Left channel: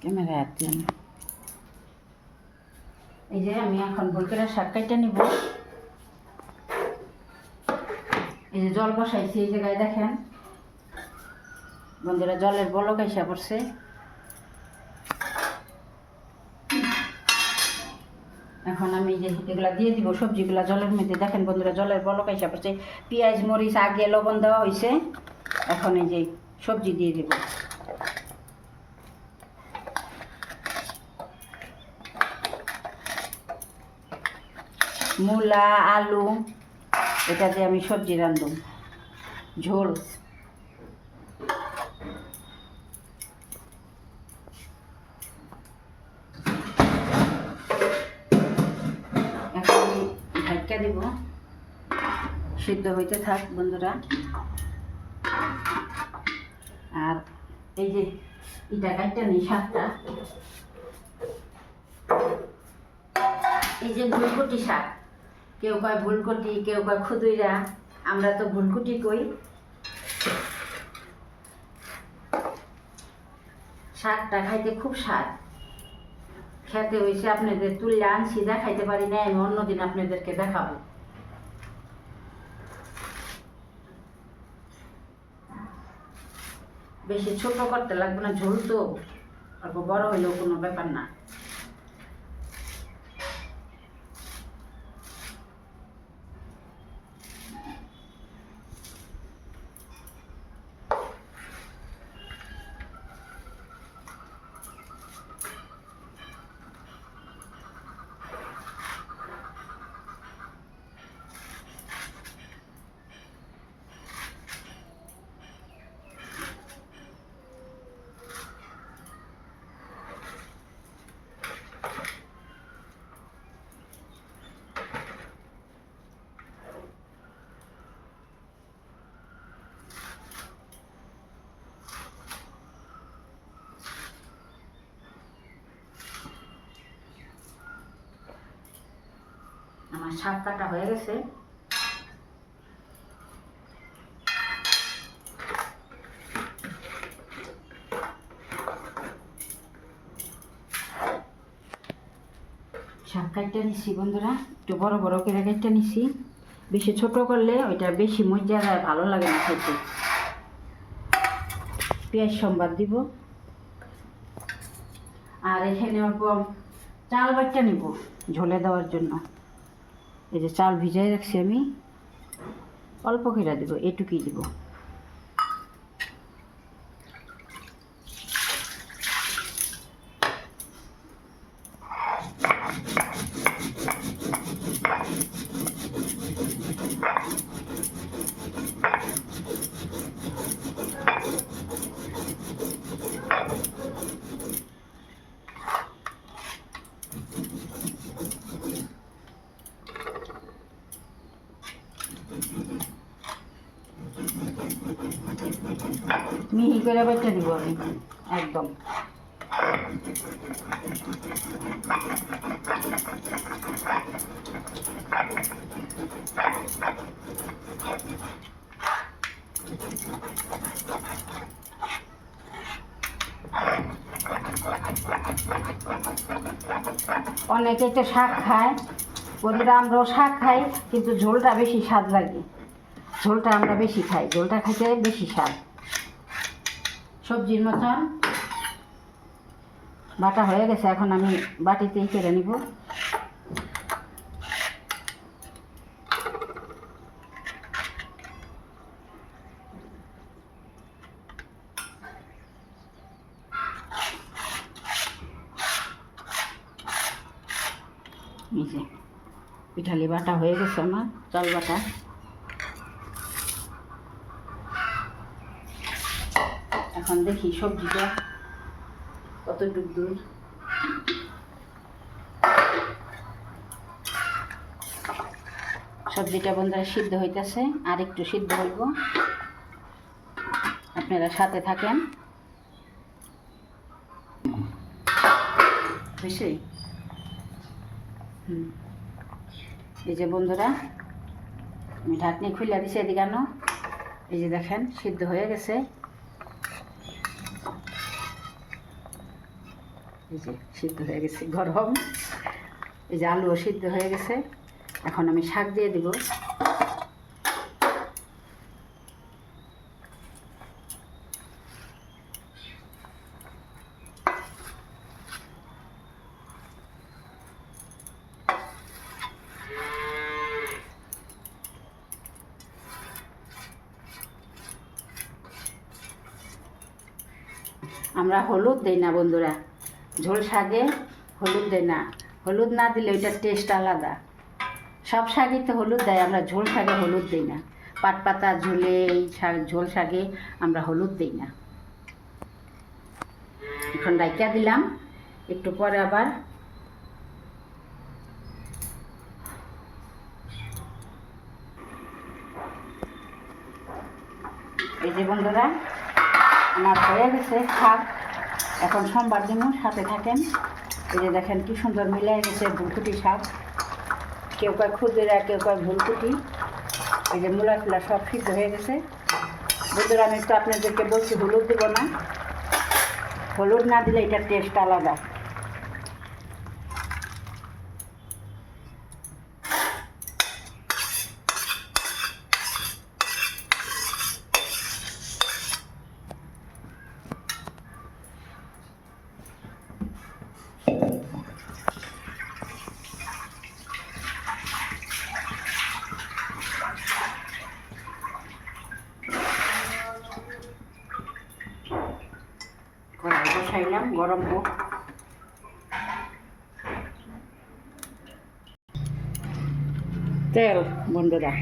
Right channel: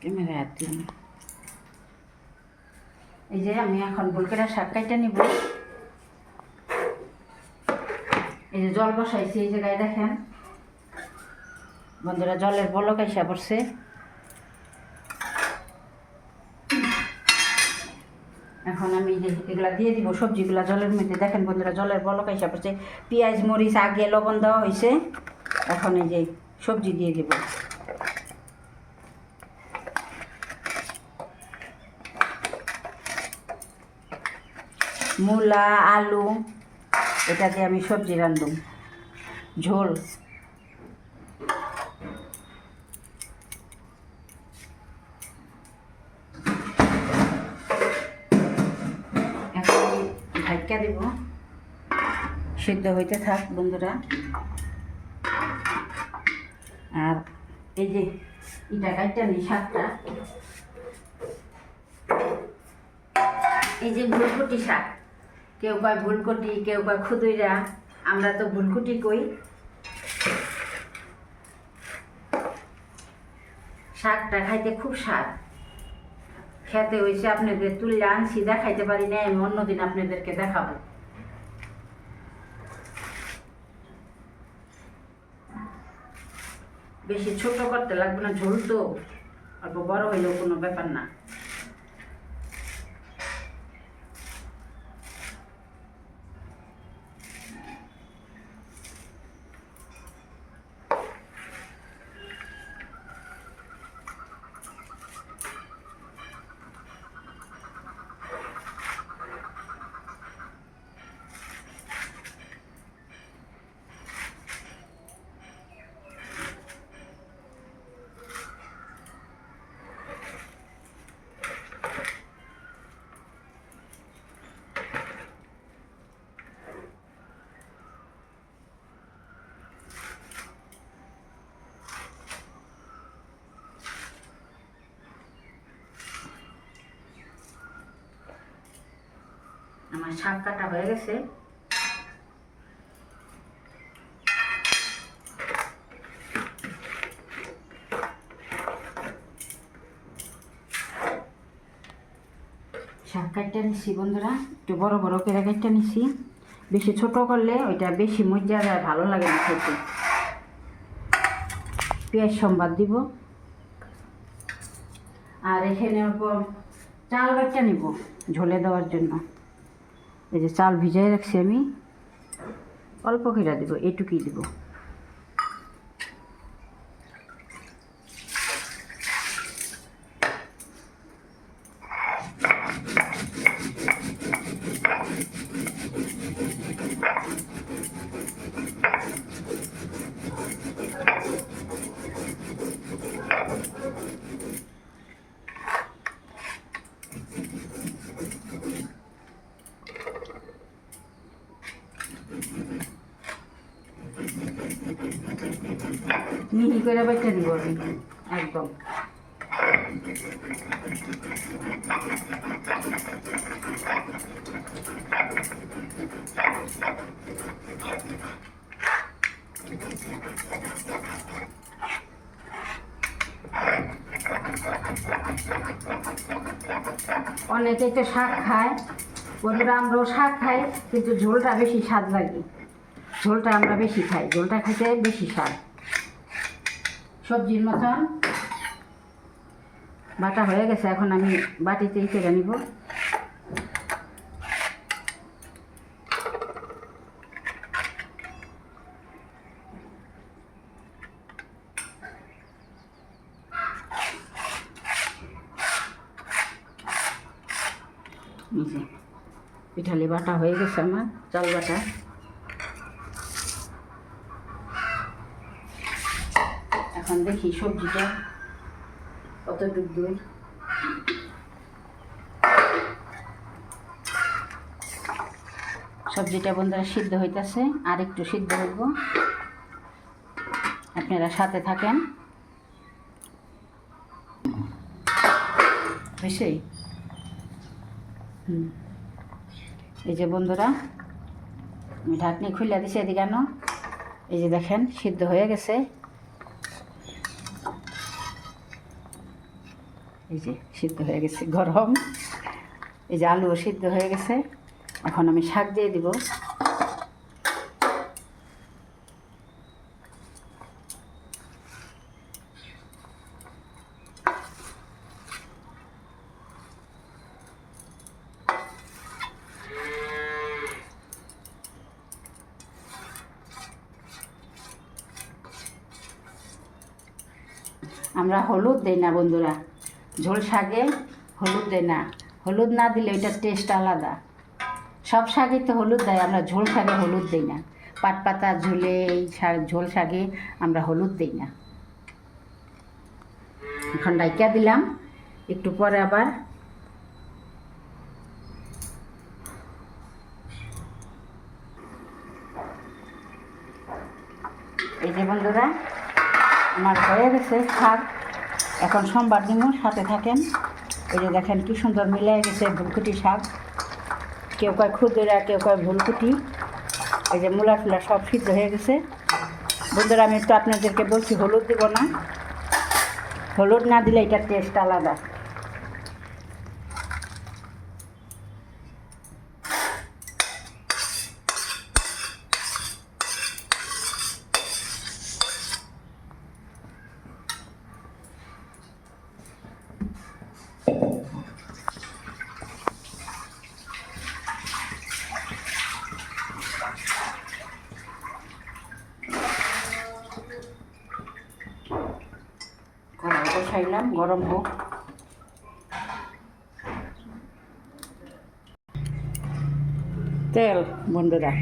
Camera হাত দিলাম। এই যে আমি এখন বলকেরা শাক কাইটা নিব। এই যে জল বসাইছি এই জায়গায় দেখেন বন্ধুরা, জলের বলক আইসা পড়ছে। এখন আমি যে এগুলা দিয়ে দিব সবজিগুলা জলের মধ্যে। দেখেন বন্ধুরা, জলের বলক আইসা পড়ছে। পেঁয়াজ মরিচ আগে লবণ দেওয়া হয়েছে। এখন এই যে সবজি দিয়ে দিব। মূলা আলু এটা দিয়ে আমি সবজি রান্ধব, ঝোল। এখন ঢাকা দেব, সিদ্ধ হইতে থাক বন্ধুরা। আর এই যে ইটা কাটটা নেই শাকটা, এই যে ফুলকপি শাক, কেউ কয় ফুলকপি, কেউ কয় খুদুইরা, আমরা তো ফুলকপি কই। শাকটা খাইতে খুব স্বাদ, খেতে হয়েছে। আপনাদের তুললে আনছি, দেখাইতে পারি না, আমি অন্যদিন আপনাদেরকে দেখাবো। বেশি ছোট করতে লাগবে না, ঝোল তো অল্প বড় হইলেও কোনো ব্যাপার না। আমার শাক কাটা হয়ে গেছে। শাক কাটটা নিছি বন্ধুরা, একটু বড় বড় করে কাটটা নিছি। বেশি ছোট করলে ওইটা বেশি মজা যায়, ভালো লাগে না খাইতে। পেঁয়াজ সম্বাদ দিব। আর এখানে অল্প চাল বাটটা নিব ঝোলে দেওয়ার জন্য। এই যে চাল ভিজাই রাখছি আমি, অল্প করে দিব, এইটুকুই দিব। মিহি করে বাচ্চা দিব আমি একদম। অনেকে তো শাক খায় বন্ধুরা, আমরাও শাক খাই, কিন্তু ঝোলটা বেশি স্বাদ লাগে। ঝোলটা আমরা বেশি খাই, ঝোলটা খাইতে বেশি স্বাদ। সবজির মতন বাটা হয়ে গেছে, এখন আমি বাটিতেই কেটে নিব। এই যে পিঠালি বাটা হয়ে গেছে আমার, চাল বাটা। এখন দেখি সবজিটা কতটুক দই। সবজিটা বন্ধুরা সিদ্ধ হইতেছে, আর একটু সিদ্ধ হইব, আপনারা সাথে থাকেন। বেশি এই যে বন্ধুরা আমি ঢাকনি খুলে দিছি, এদিকে আনো। এই যে দেখেন সিদ্ধ হয়ে গেছে। এই যে সিদ্ধ হয়ে গেছে গরম, এই যে আলুও সিদ্ধ হয়ে গেছে। এখন আমি শাক দিয়ে দিব। আমরা হলুদ দেই না বন্ধুরা, ঝোল শাকে হলুদ দেয় না। হলুদ না দিলে এটার টেস্ট আলাদা। সব শাকে তো হলুদ দেয়, আমরা ঝোল শাকে হলুদ দিই না। পাট পাতা ঝোলে এই শাক, ঝোল শাকে আমরা হলুদ দিই না। এখন ডাইকা দিলাম, একটু পরে আবার এই যে বন্ধুরা আমার হয়ে গেছে শাক। এখন সোমবার দিন সাথে থাকেন। এই যে দেখেন কি সুন্দর মিলাই গেছে ফুলকুটি শাক। কেউ কয় খুদেরা, কেউ কয় ফুলকুটি। এই যে মূলা টুলা সব সিদ্ধ হয়ে গেছে বন্ধুরা। আমি তো আপনাদেরকে বলছি হলুদ দেবো না, হলুদ না দিলে এটার টেস্ট আলাদা। বসাইলাম গরম হোক। তেল বন্ধুরা,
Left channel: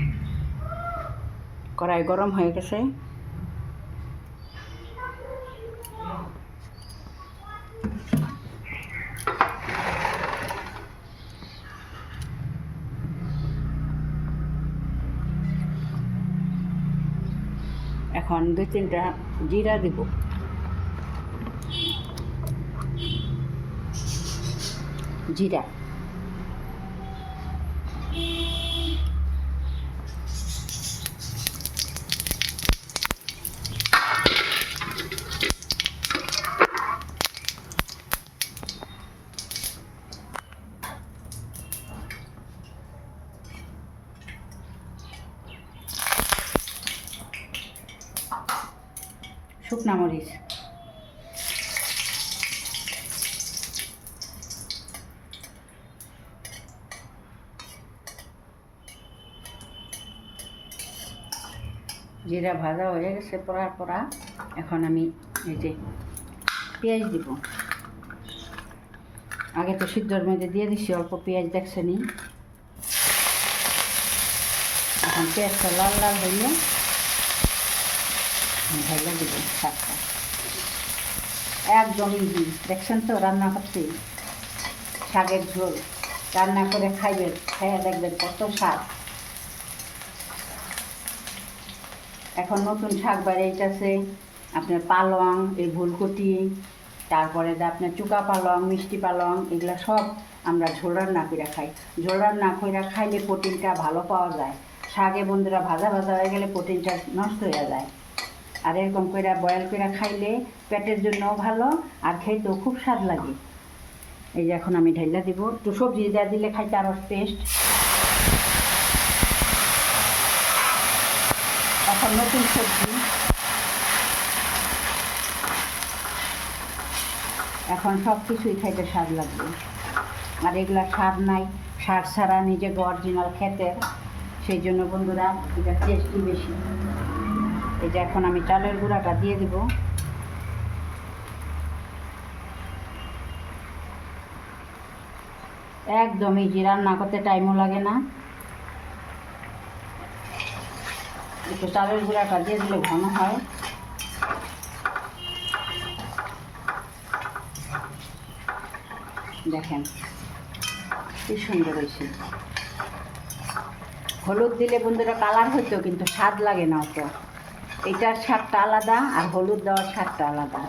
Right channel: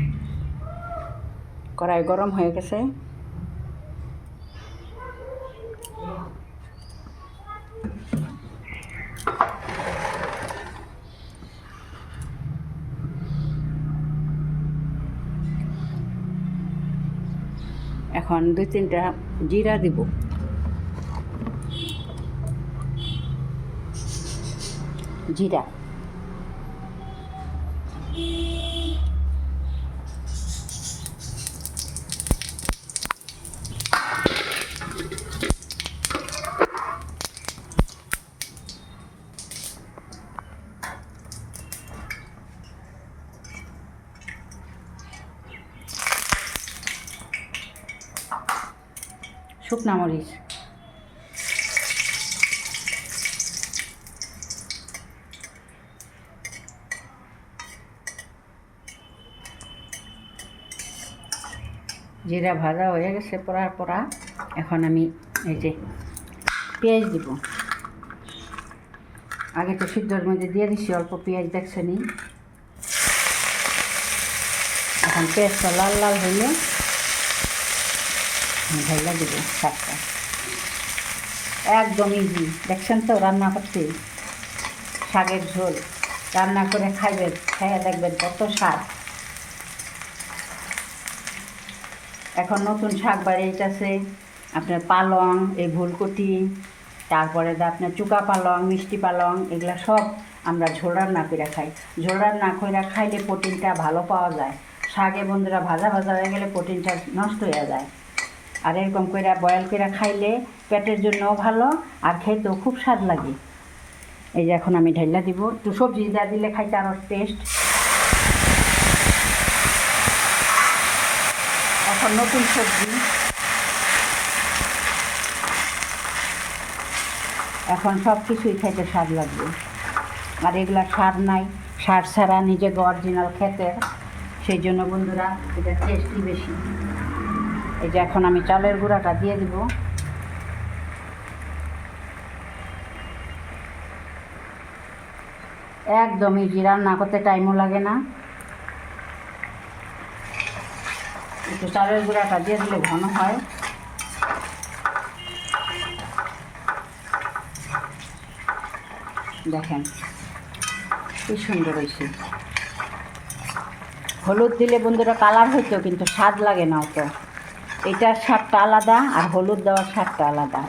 কড়াই গরম হয়ে গেছে। এখন 2-3টা জিরা দিব। জিরা, শুকনা মরিচ, জিরা ভাজা হয়ে গেছে পড়ার পরা। এখন আমি এই যে পেঁয়াজ দিব। আগে তো সিদ্ধর মধ্যে দিয়ে দিছি অল্প পেঁয়াজ, দেখছেনি। এখন পেঁয়াজটা লাল লাল হইলে ঢেলে দেব শাকটা। একদম ইজি, দেখছেন তো রান্না করতে। শাকের ঝোল রান্না করে খাইবেন, খাইয়া দেখবেন কত স্বাদ। এখন নতুন শাক বাড়িয়েছে আপনার পালং, এই ফুলকপি, তারপরে আপনার চুকা পালং, মিষ্টি পালং, এগুলো সব আমরা ঝোল রান্না করে খাই। ঝোল রান্না করে খাইলে প্রোটিনটা ভালো পাওয়া যায়। শাকে বন্ধুরা ভাজা ভাজা হয়ে গেলে প্রোটিনটা নষ্ট হয়ে যায়। আর এরকম করে বয়েল করে খাইলে পেটের জন্যও ভালো, আর খেতেও খুব স্বাদ লাগে। এই যে এখন আমি ঢেলা দিব। একটু সবজি যা দিলে খাইতে আরও টেস্ট। এখন নতুন সবজি, এখন সব কিছুই খাইতে স্বাদ লাগবে। আর এগুলা স্বাদ নাই, সার ছাড়া নিজে অরিজিনাল খেতে, সেই জন্য বন্ধুরা এটা টেস্টই বেশি। এই যে এখন আমি চালের গুঁড়াটা দিয়ে দিব। একদম ইজি, রান্না করতে টাইমও লাগে না। একটু চালের গুঁড়াটা দিয়ে দিলে ঘন হয়। দেখেন কি সুন্দর হয়েছে। হলুদ দিলে বন্ধুরা কালার হইতো, কিন্তু স্বাদ লাগে না অত। এটার স্বাদটা আলাদা আর হলুদ দেওয়ার স্বাদটা আলাদা।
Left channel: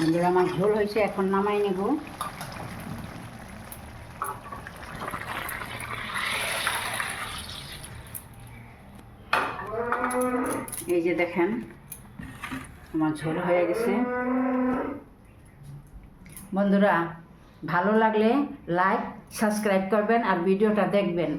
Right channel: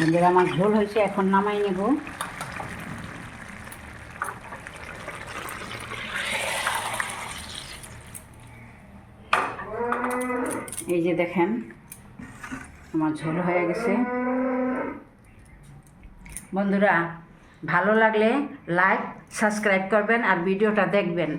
বন্ধুরা আমার ঝোল হয়েছে, এখন নামাই নেব। এই যে দেখেন আমার ঝোল হয়ে গেছে। বন্ধুরা ভালো লাগলে লাইক সাবস্ক্রাইব করবেন আর ভিডিওটা দেখবেন।